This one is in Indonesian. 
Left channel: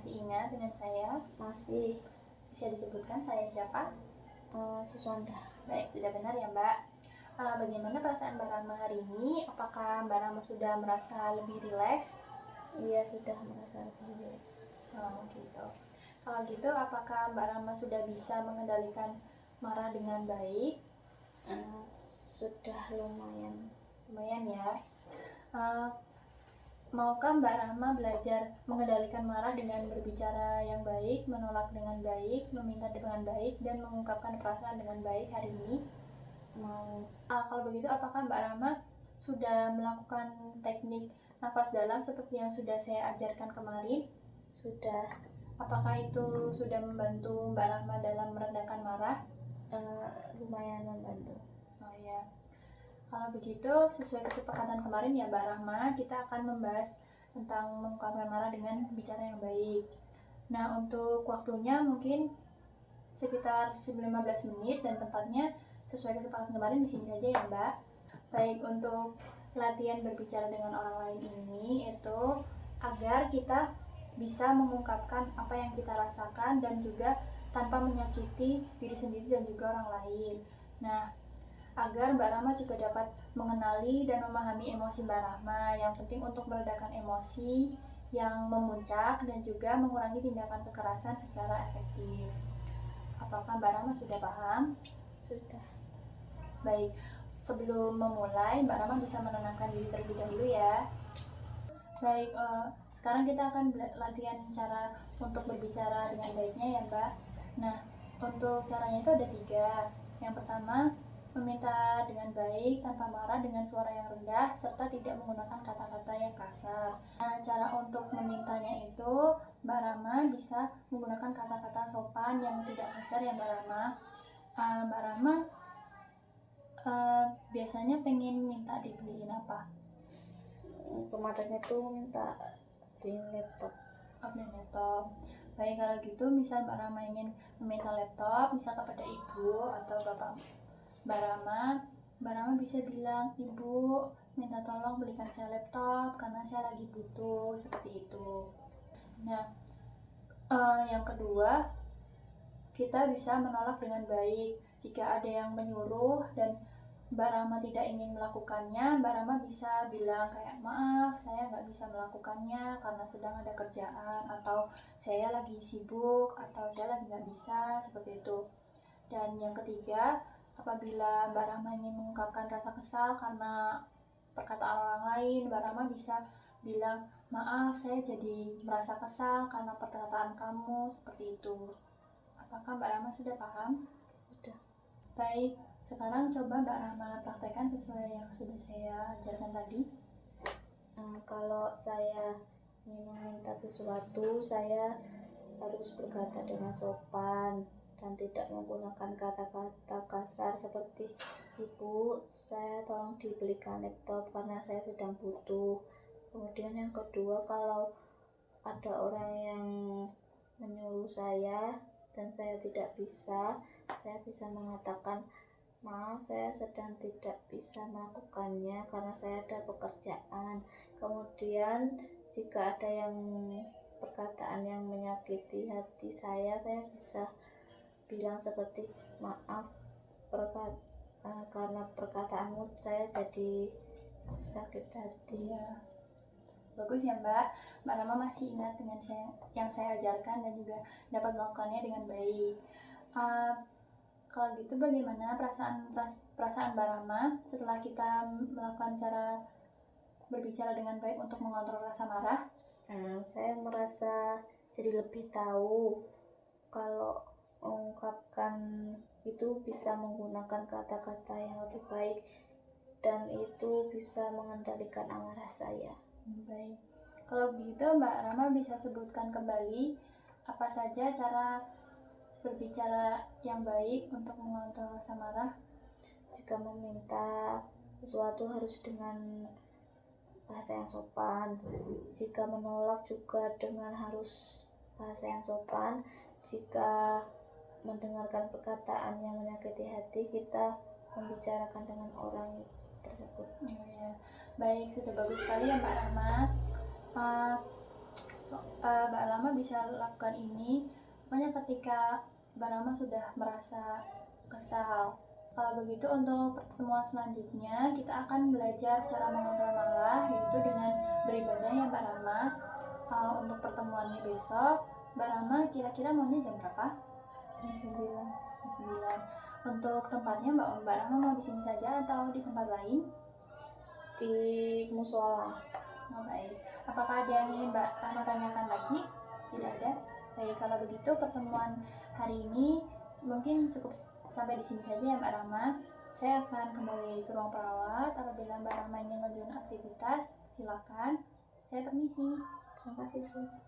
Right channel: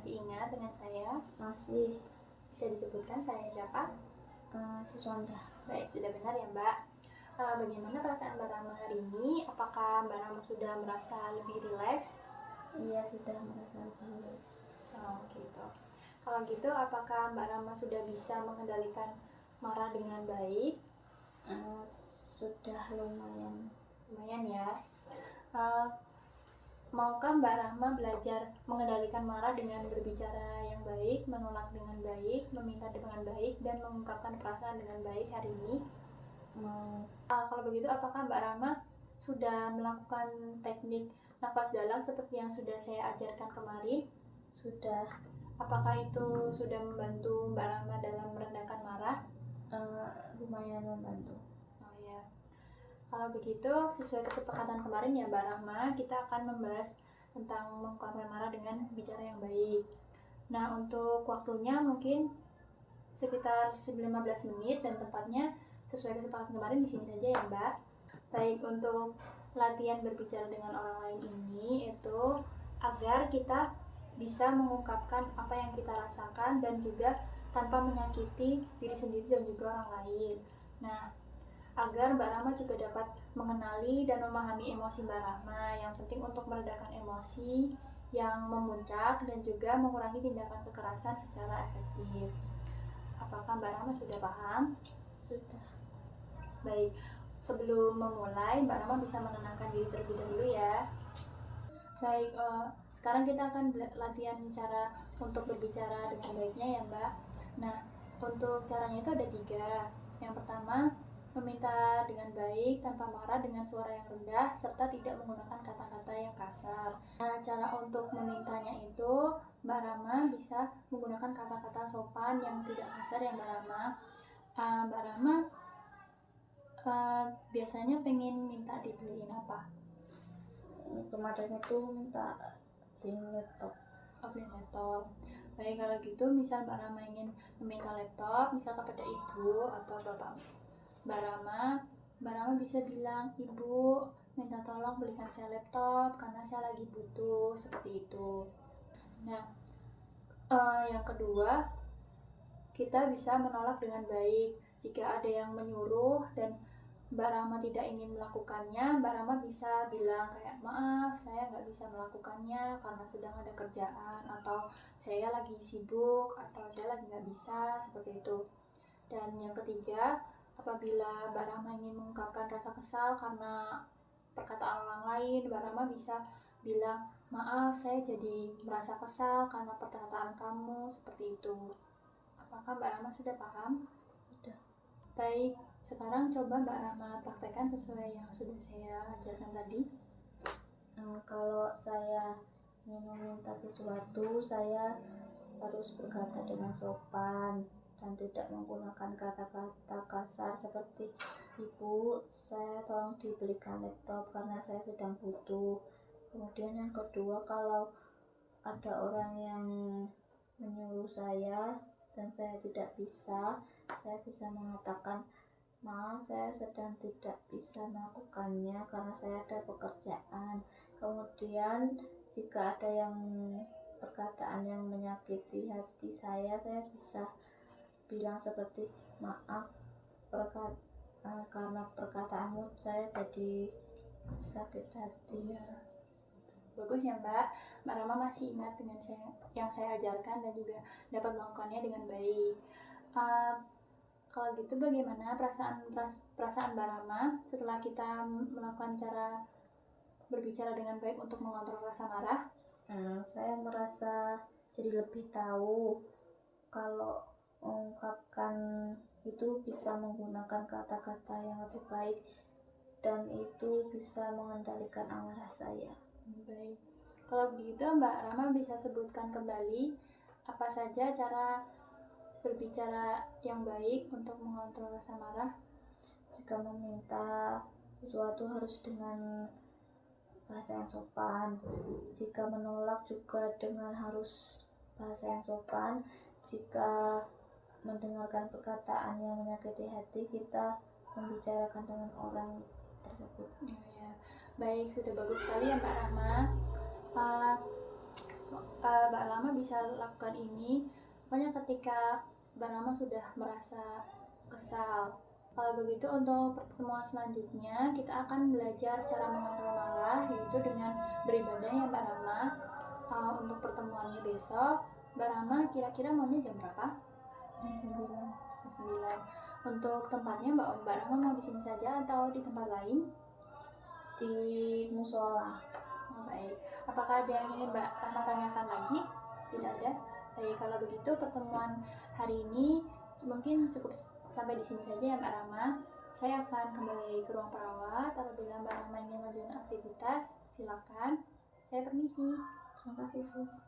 masih ingat dengan saya? Masih. Bisa disebutkan saya siapa? Suswanda. Baik, sudah benar ya Mbak. Bagaimana perasaan Mbak Rama hari ini? Apakah Mbak Rama sudah merasa lebih rileks? Iya, sudah merasa lebih rileks. Oh gitu. Kalau gitu, apakah Mbak Rama sudah bisa mengendalikan marah dengan baik? Sudah lumayan. Lumayan ya. Maukah Mbak Rahma belajar mengendalikan marah dengan berbicara yang baik, menolak dengan baik, meminta dengan baik, dan mengungkapkan perasaan dengan baik hari ini? Mau. Kalau begitu, apakah Mbak Rahma sudah melakukan teknik nafas dalam seperti yang sudah saya ajarkan kemarin? Sudah. Apakah itu sudah membantu Mbak Rahma dalam meredakan marah? Lumayan membantu. Oh ya. Kalau begitu, sesuai kesepakatan kemarin ya Mbak Rahma, kita akan membahas tentang mengungkapkan marah dengan bicara yang baik. Nah, untuk waktunya mungkin sekitar 15 menit dan tempatnya sesuai kesepakatan kemarin di sini saja ya Mbak. Baik, untuk latihan berbicara dengan orang lain ini itu agar kita bisa mengungkapkan apa yang kita rasakan dan juga tanpa menyakiti diri sendiri dan juga orang lain. Nah, agar Mbak Rama juga dapat mengenali dan memahami emosi Mbak Rama, yang penting untuk meredakan emosi yang memuncak dan juga mengurangi tindakan kekerasan secara efektif. Apakah Mbak Rama sudah paham? Sudah. Baik, sebelum memulai Mbak Rama bisa menenangkan diri terlebih dahulu ya. Baik, sekarang kita akan latihan cara untuk berbicara dengan baiknya ya Mbak. Nah, untuk caranya itu ada 3. Yang pertama, meminta dengan baik tanpa marah dengan suara yang rendah serta tidak menggunakan kata-kata yang kasar. Nah, cara untuk memintanya itu Mbak Rama bisa menggunakan kata-kata sopan yang tidak kasar ya Mbak Rama. Mbak Rama biasanya pengen minta dibeliin apa? Kemarin itu minta di laptop. Beli laptop. Baik, kalau gitu misal Mbak Rama ingin meminta laptop misal kepada ibu atau bapak Mbak Rama bisa bilang, "Ibu, minta tolong belikan saya laptop karena saya lagi butuh," seperti itu. Nah, yang kedua, kita bisa menolak dengan baik. Jika ada yang menyuruh dan Mbak Rama tidak ingin melakukannya, Mbak Rama bisa bilang kayak, "Maaf, saya nggak bisa melakukannya karena sedang ada kerjaan," atau "saya lagi sibuk," atau "saya lagi nggak bisa," seperti itu. Dan yang ketiga, apabila Mbak Rama ingin mengungkapkan rasa kesal karena perkataan orang lain, Mbak Rama bisa bilang, "Maaf, saya jadi merasa kesal karena perkataan kamu," seperti itu. Apakah Mbak Rama sudah paham? Sudah. Baik, sekarang coba Mbak Rama praktekkan sesuai yang sudah saya ajarkan tadi. Kalau saya ingin meminta sesuatu, saya harus berkata dengan sopan dan tidak menggunakan kata-kata kasar seperti, "Ibu, saya tolong dibelikan laptop karena saya sedang butuh." Kemudian yang kedua, kalau ada orang yang menyuruh saya dan saya tidak bisa, saya bisa mengatakan, "Maaf, saya sedang tidak bisa melakukannya karena saya ada pekerjaan." Kemudian jika ada yang perkataan yang menyakiti hati saya bisa bilang seperti, "Maaf, karena perkataanmu saya jadi sakit hati." Ya, bagus ya Mbak. Mbak Rama masih ingat dengan yang saya ajarkan dan juga dapat melakukannya dengan baik. Kalau gitu bagaimana perasaan Mbak Rama setelah kita melakukan cara berbicara dengan baik untuk mengontrol rasa marah? Saya merasa jadi lebih tahu kalau mengungkapkan itu bisa menggunakan kata-kata yang lebih baik dan itu bisa mengendalikan amarah saya. Baik, kalau begitu Mbak Rama bisa sebutkan kembali apa saja cara berbicara yang baik untuk mengontrol rasa marah? Jika meminta sesuatu harus dengan bahasa yang sopan. Jika menolak juga dengan harus bahasa yang sopan. Jika mendengarkan perkataan yang menyakiti hati, kita membicarakan dengan orang tersebut. Ya. Baik, sudah bagus sekali ya Mbak Rama. Mbak Rama bisa lakukan ini pokoknya ketika Mbak Rama sudah merasa kesal. Kalau begitu untuk pertemuan selanjutnya kita akan belajar cara mengontrol marah, yaitu dengan beribadah ya Mbak Rama. Untuk pertemuannya besok, Mbak Rama kira-kira maunya jam berapa? Jam 9. Jam 9. Untuk tempatnya Mbak Rama mau di sini saja atau di tempat lain? Di musola. Oh, baik. Apakah ada yang ingin Mbak Rama tanyakan lagi? Tidak ada? Baik, kalau begitu pertemuan hari ini mungkin cukup sampai di sini saja ya Mbak Rama. Saya akan kembali ke ruang perawat. Apabila Mbak Rama ingin melanjutkan aktivitas, silakan. Saya permisi. Terima kasih, Sus.